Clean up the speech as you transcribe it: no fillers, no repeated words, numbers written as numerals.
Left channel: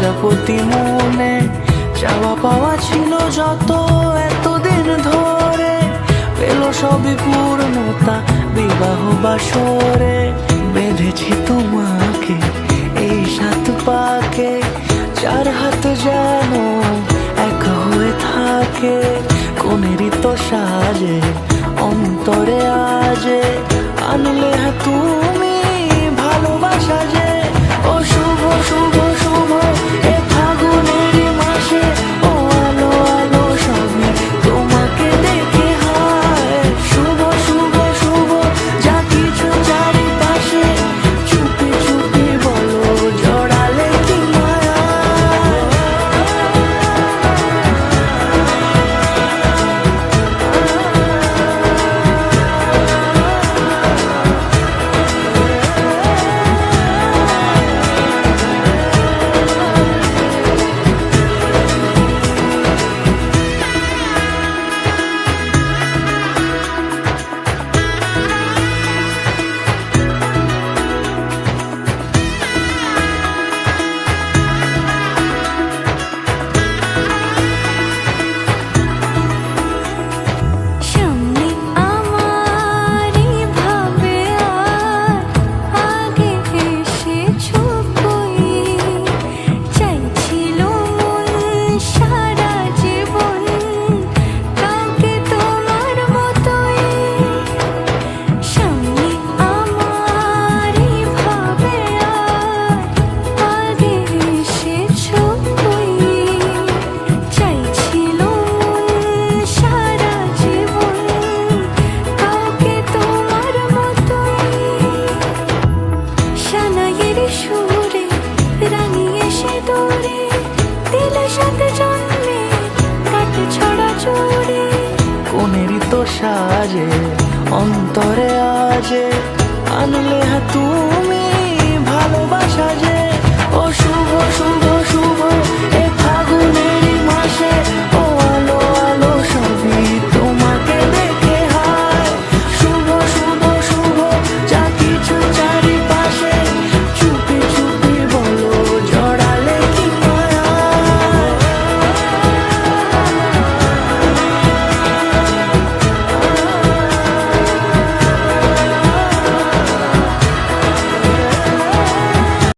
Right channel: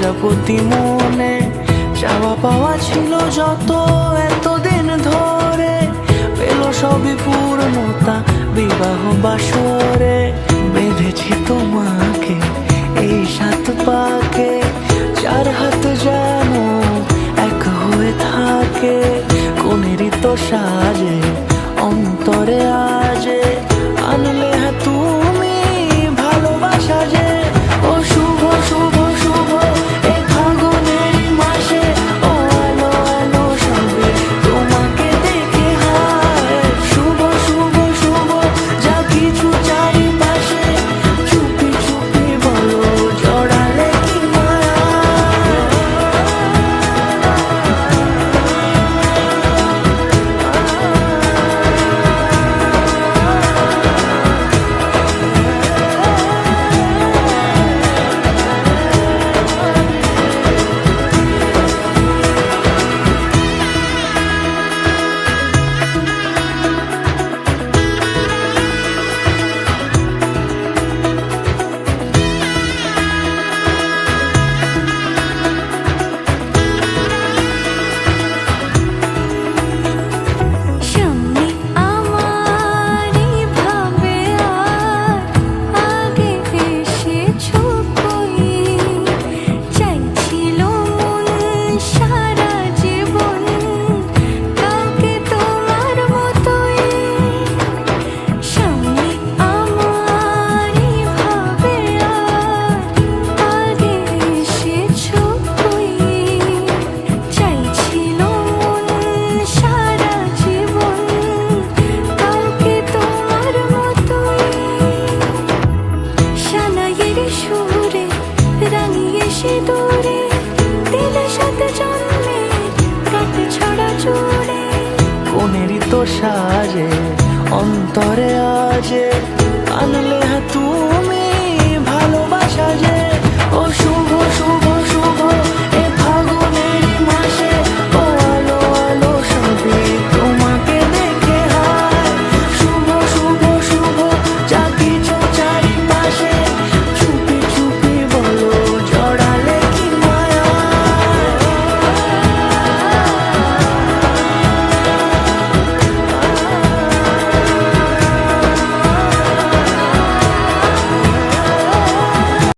প্রজাপতি মনে চাওয়া পাওয়া ছিল যত এতদিন ধরে, পেল সবই পূর্ণতা বিবাহ বাসরে। বেঁধেছি তোমাকে এই 7 পাকে, 4 হাত যেন এক হয়ে থাকে। কোনেরই তো সাজে অন্তরে আজে, আনলে হ্যাঁ তুমি ভালোবাসা যে। ও শুভ শুভ শুভ এ ফাগুনেরই মাসে, ও আলো আলো সবই তোমাকে দেখে হায়। শুভ শুভ শুভ যা কিছু চারিপাশে, চুপি চুপি বলো জড়ালে কি মায়া। দূরে দিলে 7 জন্মের কাট ছড়া জুড়ে। কোনেরই তো সাজে অন্তরে আজে, আনলে হ্যাঁ তুমি ভালোবাসা যে। ও শুভ শুভ শুভ এ ফাগুনেরই মাসে,